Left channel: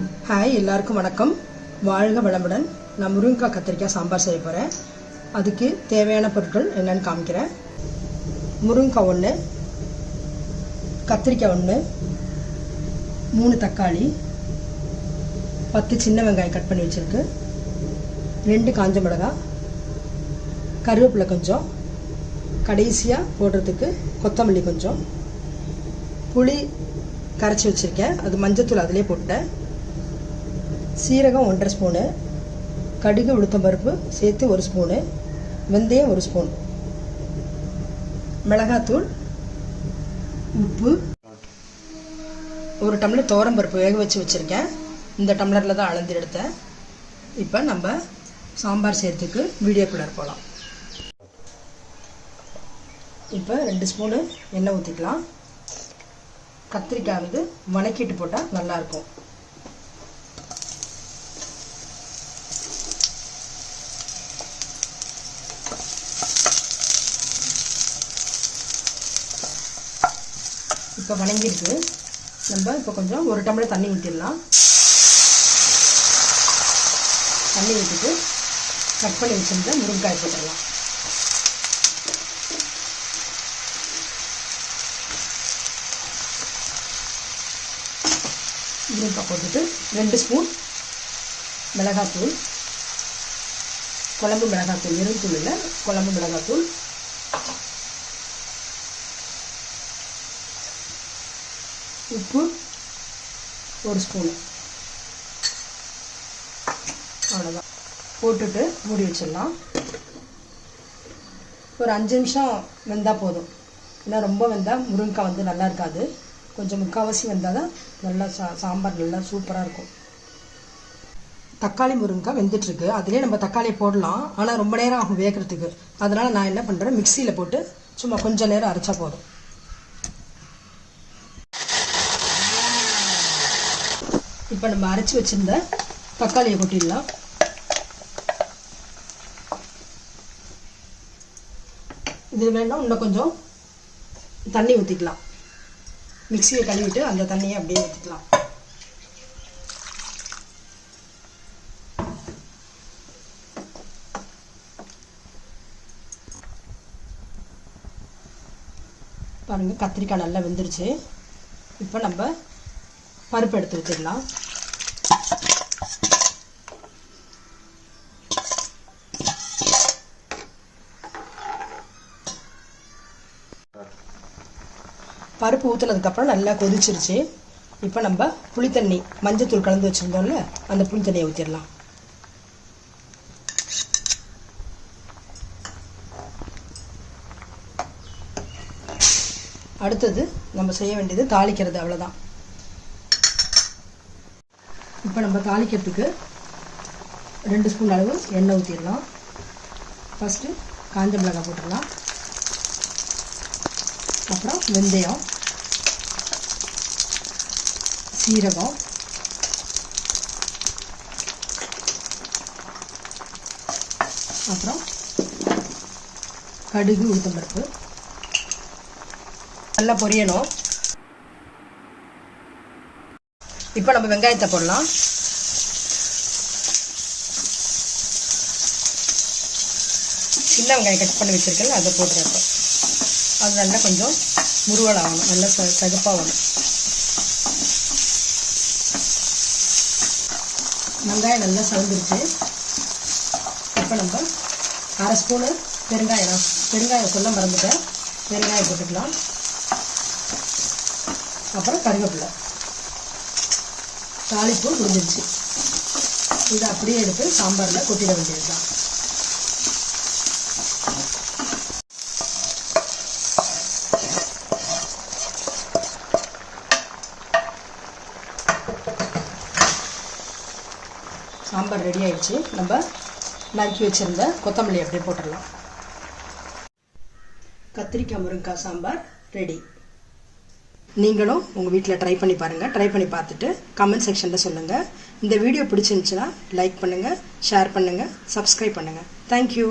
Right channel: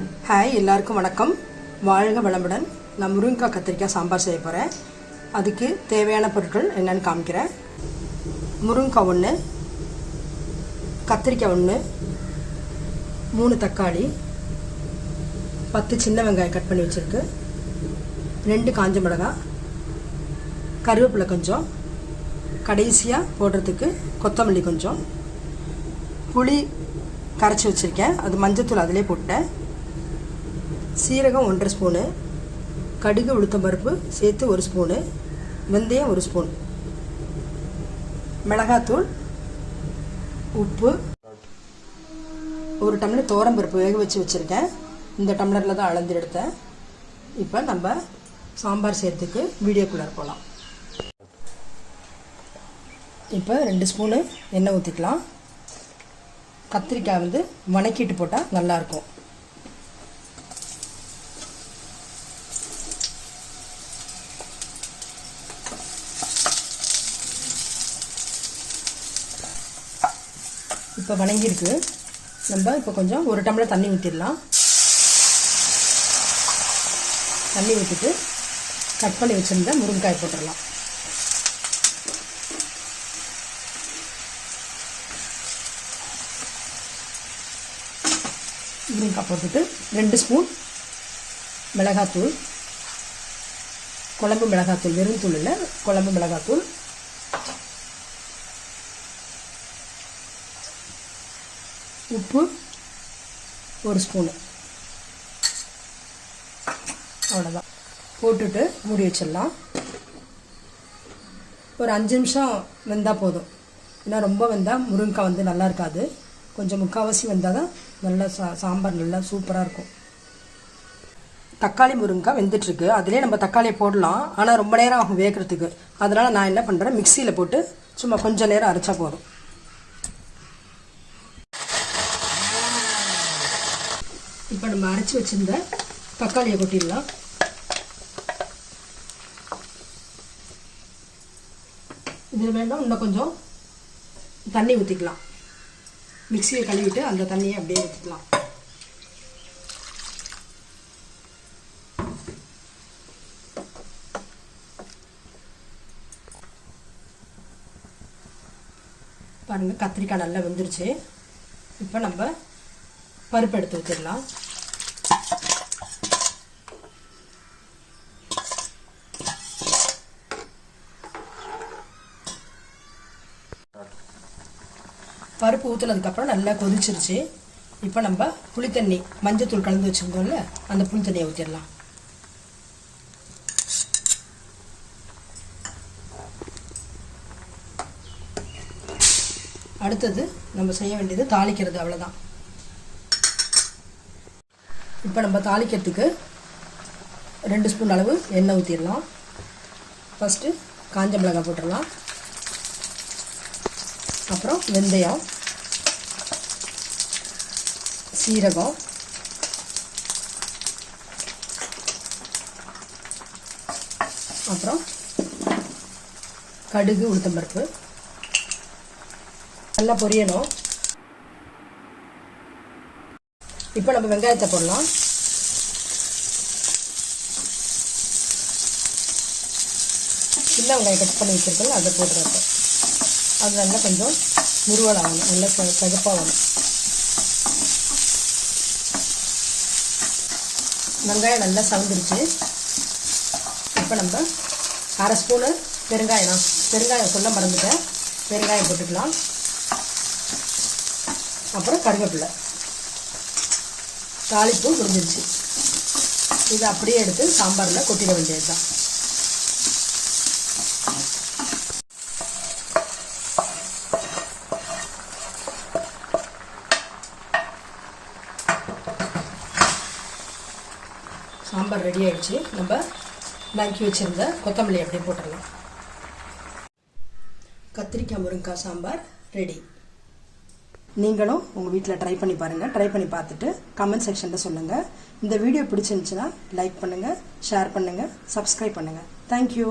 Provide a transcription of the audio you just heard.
Hi, எல்லாருக்கும் வணக்கம். வாழ்க வளமுடன். நான் முருங்கைக்காய் கத்திரிக்காய் சாம்பார் செய்ய போகிறேன். அதுக்கு தேவையான பொருட்கள் என்னென்னு காமிக்கிறேன். முருங்கைக்காய் 1, கத்திரிக்காய் 1, 3 தக்காளி, 10 சின்ன வெங்காயம் கட் பண்ணி வச்சுருக்கு, 2 காஞ்ச மிளகாய், கருவேப்பிலை கொஞ்சம், கடைசியாக போடுறதுக்கு கொத்தமல்லி கொஞ்சம், புளி கரைச்சி வச்சுருக்கேன், அது மஞ்சத்தூள் அதிலே போட்டேன், சீரகம் 1.5 ஸ்பூனு, கடுகு உளுத்தம்பருப்பு சேர்த்து 1 ஸ்பூனு, வெந்தயம் 1 ஸ்பூன், மிளகாத்தூள், உப்பு, 1 டம்ளர் துவரம்பருப்பு வேக வச்சு வச்சுருக்கேன். இந்த டம்ளரில் தான் அளந்து எடுத்தேன். இப்போ நம்ம சாம்பார் செய்கிறதுக்கு வீடியோக்குள்ளே போகலாம். இப்போ 2 ஸ்பூனு எண்ணெய் ஊற்றிக்கலாம். கத்திரிக்காய் வணக்கிட்டு போட்டால் நல்லாயிருக்கும். இப்போ வணங்கியிருக்கு. நம்ம இப்போ கொஞ்சம் 1 டம்ளர் தண்ணி ஊற்றிடலாம். தண்ணி ஊற்றிட்டு கட் பண்ணி வச்சுருந்தா முருங்கைக்காய் போட்டுடலாம். முருங்கைக்காய் போட்டுட்டு 2 ஸ்பூன் மிளகாத்தூள், குழம்பு மிளகாத்தூள், வெறும் தூள் இல்லை, குழம்பு மிளகாத்தூள், உப்பு 1 ஸ்பூனு, அவ்வளோதான். போட்டுட்டு மூடி வச்சிடலாம். ஒரு 5 நிமிஷம் வெந்தால் போதும். ஏன்னா ரொம்ப வெந்தால் முருங்கைக்காய் நல்லா இருக்காது. கொஞ்சம் முக்கால்வாசி வெந்தால் தான் நல்லா சாம்பார் நல்லா சூப்பராக இருக்கும். தக்காளி முருங்கைக்காய் வெந்துட்டுருக்கு. அதிலே நம்ம தக்காளியை போடலாம், ஆனால் ரொம்ப நேரம் ஆகும் வேகிறதுக்கு. அதனால் நான் என்ன பண்ணுறேன், மிக்சியில் போட்டு சும்மா கொஞ்சம் நேரம் அரைச்சா போதும். இப்போ நம்ம அரைச்சி வச்சுருந்த தக்காளியை கொட்டிடலாம். இது வேணால் இன்னும் கொஞ்சம் தண்ணி ஊற்றிக்கலாம். மிக்சியை கழுவிட்டு அந்த தண்ணியை அப்படியே ஊற்றிக்கலாம். பாருங்கள், கத்திரிக்காய் நல்லா வெந்துருச்சு. இப்போ நம்ம பருப்பு எடுத்து ஊற்றிடலாம். பருப்பு ஊற்றுனதுக்கப்புறம் நல்லா கொதிச்சிருச்சு. இப்போ நம்ம புளித்தண்ணி, மஞ்சத்தூள் கலந்து வச்சுருந்தோம்ல, அந்த புளித்தண்ணியை ஊற்றிடலாம். அடுத்தது நம்ம செய்ய வேண்டியது தாளிக்கிறது, அவ்வளோதான். இப்போ நம்ம தாளிக்கிறதுக்கு 2 ஸ்பூன் அளவு எண்ணெய் ஊற்றிடலாம். ஃபஸ்ட்டு காஞ்ச மிளகாய் போட்டுடலாம். அப்புறம் வெந்தயம், சீரகம், அப்புறம் கடுகு உளுத்தம்பருப்பு நல்லா பொரியணும். இப்போ நம்ம வெங்காயத்தை போடலாம். சின்ன வெங்காயம் கட் பண்ணி வச்சுருக்கேன், அதை போடுறப்ப அது நல்லா கொஞ்சம் முருவலாகணும், நல்லா சகப்பாக வரும். வெங்காயம் நல்லா சவந்துருச்சு. இப்போ நம்ம 1/2 ஸ்பூனு பெருங்காயம் சொல்ல மறந்துட்டேன், பெருங்காயம் போட்டுக்கலாம். அப்புறம் கருவேப்பிலை, தாளிப்பு முடிஞ்சிருச்சு. இதை அப்படியே எடுத்து சாம்பாரில் கொட்டிட வேண்டியது தான். சாம்பார் ரெடி ஆயிடுச்சு. நம்ம நறுக்கி வச்சிருந்த கொத்தமல்லி அப்படியே போட்டுடலாம். கத்திரிக்காய் முருங்கைக்காய் சாம்பார் ரெடி. நீங்களும் உங்கள் வீட்டில் ட்ரை பண்ணி பாருங்கள். ட்ரை பண்ணி பார்த்துட்டு கமெண்ட் செக்ஷனில் சொல்லுங்கள். இந்த வீடியோ பிடிச்சிருந்துச்சுன்னா லைக் பண்ணுங்கள், ஷேர் பண்ணுங்கள், சப்ஸ்கிரைப் பண்ணுங்கள். தேங்க்யூ.